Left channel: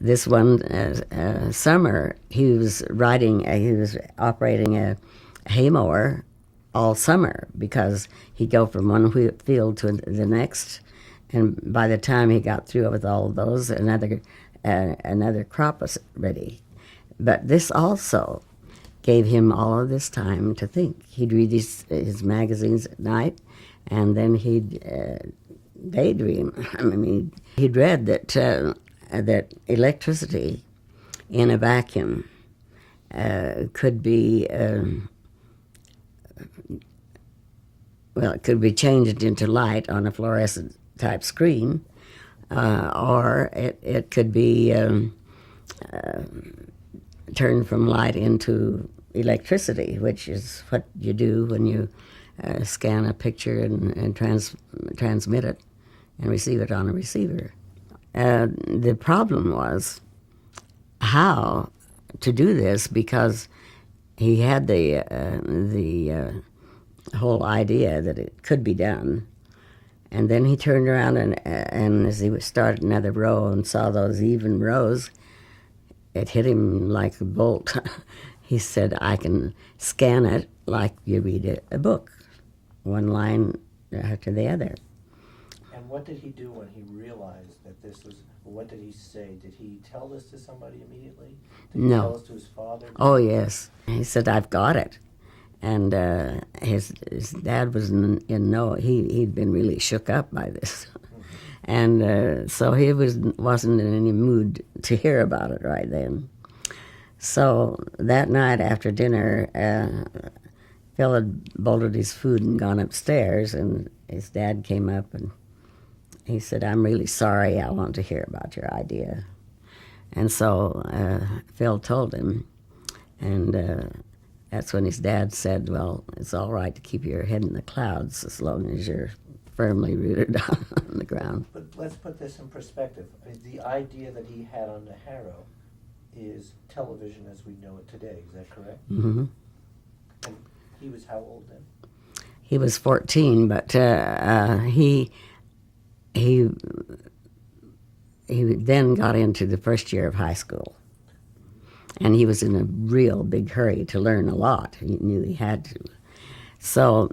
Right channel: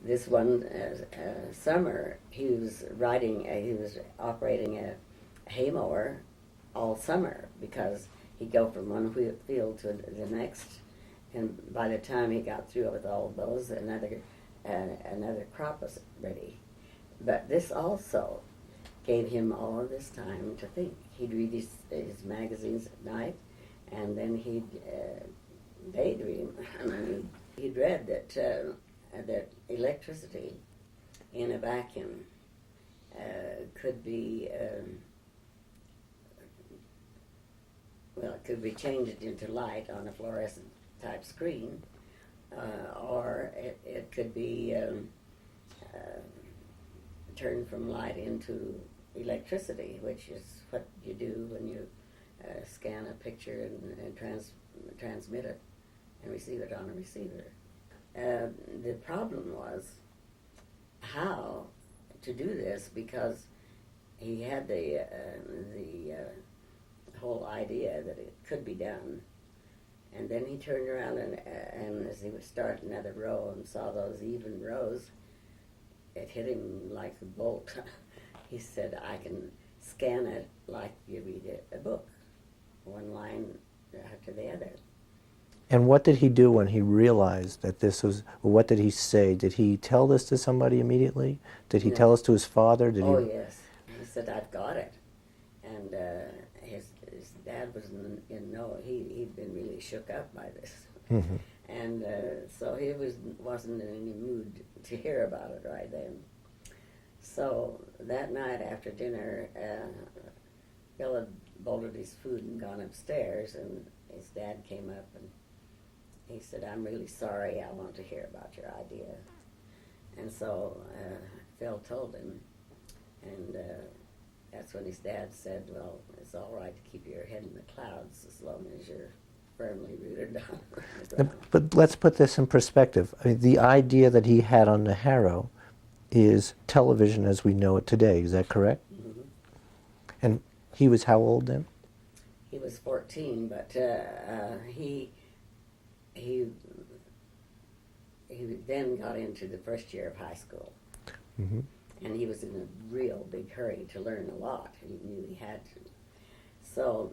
this one summer, he was operating a hay mower all summer because he'd go from one field to the next, and by the time he got through with all of those, another crop was ready. But this also gave him all of this time to think. He'd read his magazines at night, and then he'd daydream. I mean, he'd read that electricity in a vacuum could be it could be changed into light on a fluorescent type screen, or it could be turned from light into electricity, which is what you do when you scan a picture and transmit it and receive it on a receiver. The problem was how to do this, because he had the whole idea that it could be done. And then he turned around and as he started another row and saw those even rows, it hit him like a bolt. He said, I can scan it like you read a book, one line after the other. And what did he do when he realized that this was, or what did he say? Did he tell this to somebody immediately? Did he tell this to his father? Yes. He said, I've got it. And his dad was he'd been really shook up by this. Mm-hmm. And so he wasn't in any mood to hear about it right then. So that night after dinner, Phil had bolted his food and gone upstairs, and his dad came up and he said, I'm really sorry, I want to hear about your idea. And so Phil told him, and that's when his dad said, well, it's all right to keep your head in the clouds as long as you're firmly rooted on the ground. But let's put this in perspective. I mean, the idea that he had on the Harrow is television as we know it today. Is that correct? Mm-hmm. And he was how old then? He was 14, but he then got into the first year of high school. Mm-hmm. And he was in a real big hurry to learn a lot. He knew he had to. So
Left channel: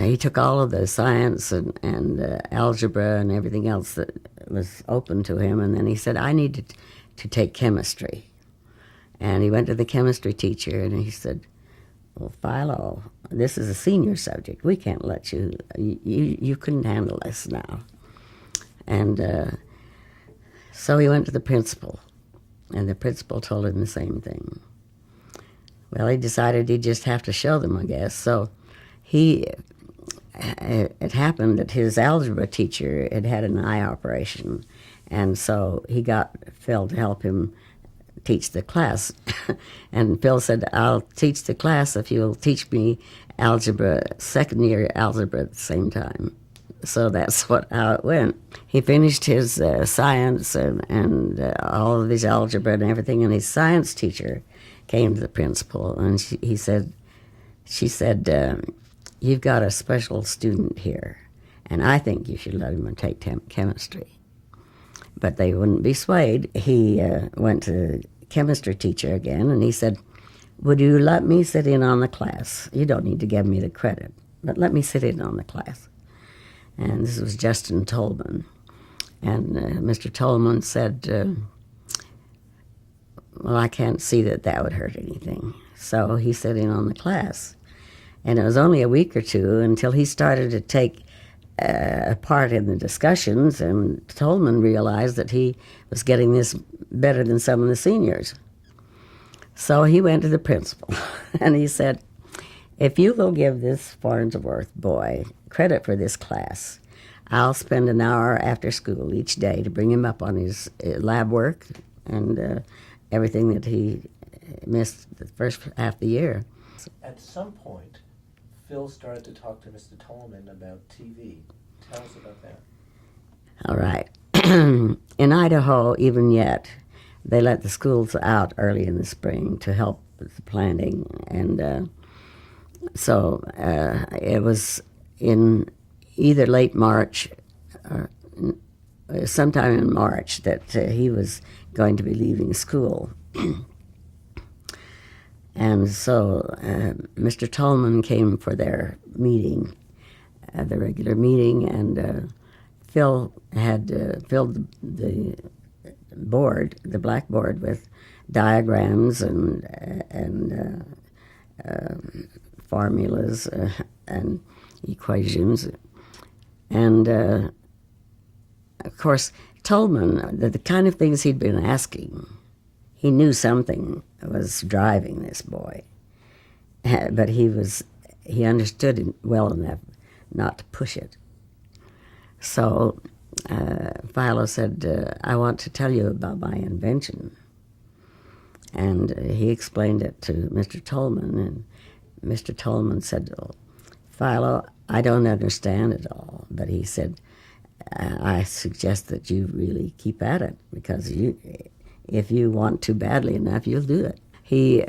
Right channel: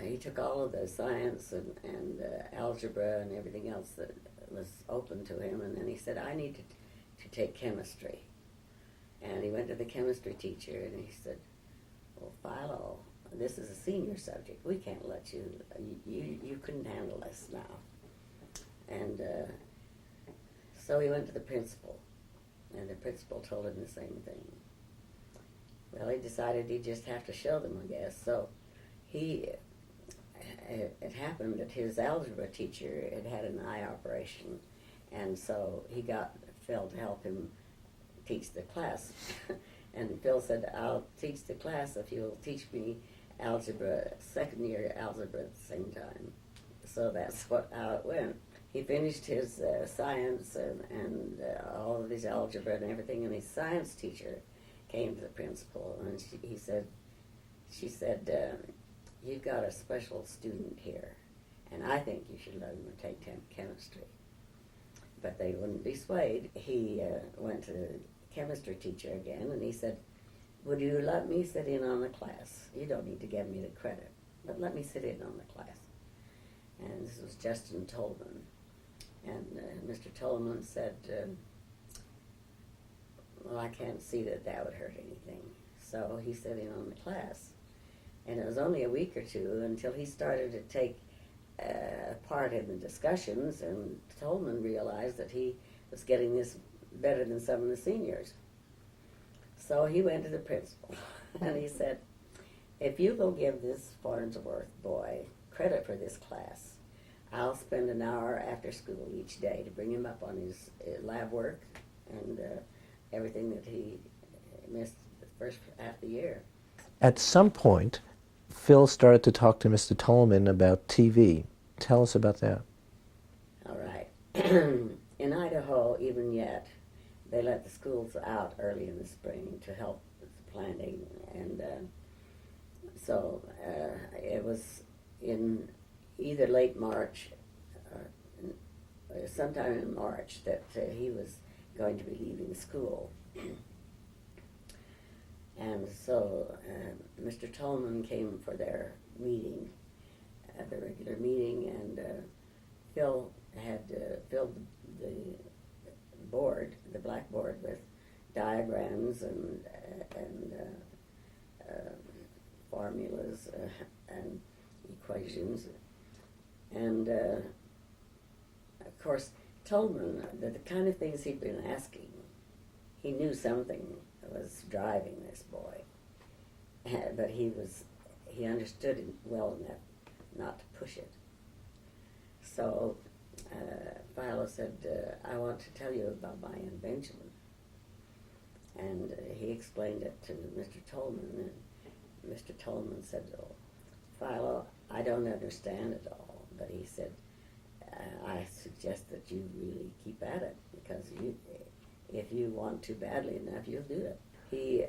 he took all of the science and algebra and everything else that was open to him, and then he said, I need to take chemistry. And he went to the chemistry teacher, and he said, well, Philo, this is a senior subject. We can't let you couldn't handle this now. And so he went to the principal. And the principal told him the same thing. Well, he decided he'd just have to show them, I guess. So it happened that his algebra teacher had an eye operation, and so he got Phil to help him teach the class. And Phil said, I'll teach the class if you'll teach me algebra, second year algebra at the same time. So that's how it went. He finished his science and all of his algebra and everything, and his science teacher came to the principal, and she said, you've got a special student here, and I think you should let him take chemistry. But they wouldn't be swayed. He went to the chemistry teacher again, and he said, would you let me sit in on the class? You don't need to give me the credit, but let me sit in on the class. And this was Justin Tolman. And Mr. Tolman said, well, I can't see that would hurt anything. So he sat in on the class. And it was only a week or two until he started to take part in the discussions, and Tolman realized that he was getting this better than some of the seniors. So he went to the principal, and he said, if you will give this Farnsworth boy credit for this class, I'll spend an hour after school each day to bring him up on his lab work and everything that he missed the first half of the year. At some point, Phil started to talk to Mr. Tolman about TV. Tell us about that. All right. In Idaho, even yet, they let the schools out early in the spring to help with the planting. And so it was in either late March sometime in March that he was going to be leaving school. And so Mr. Tolman came for their meeting, the regular meeting, and Phil had filled the board, the blackboard, with diagrams and formulas and equations. And of course, Tolman, the kind of things he'd been asking, he knew something was driving this boy, but he understood it well enough not to push it. So Philo said, I want to tell you about my invention. And he explained it to Mr. Tolman, and Mr. Tolman said, oh, Philo, I don't understand it all, but he said, I suggest that you really keep at it, because if you want to badly enough, you'll do it. He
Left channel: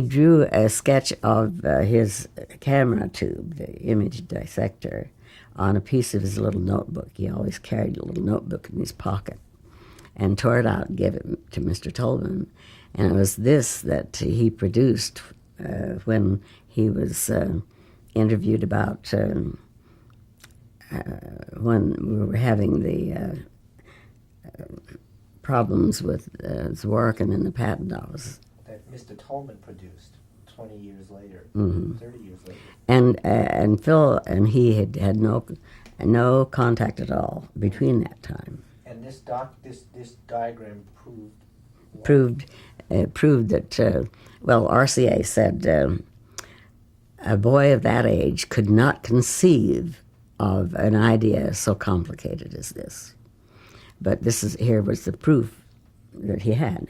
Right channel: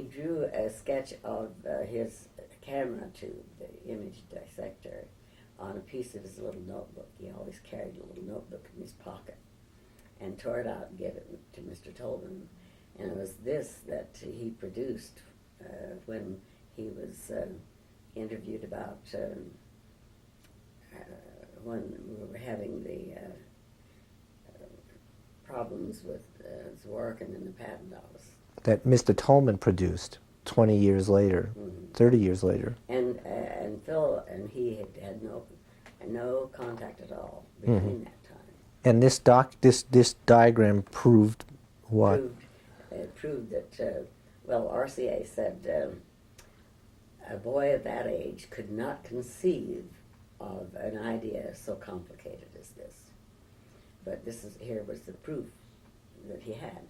drew a sketch of his camera tube, the image dissector, on a piece of his little notebook. He always carried a little notebook in his pocket, and tore it out and gave it to Mr. Tolman. And it was this that he produced when he was interviewed about when we were having the problems with Zworykin in the patent office. That Mr. Tolman produced 20 years later, 30 years later. And Phil and he had no contact at all between that time. And this diagram proved what? Proved that, well, RCA said a boy of that age could not conceive of an idea so complicated as this. But here was the proof that he had.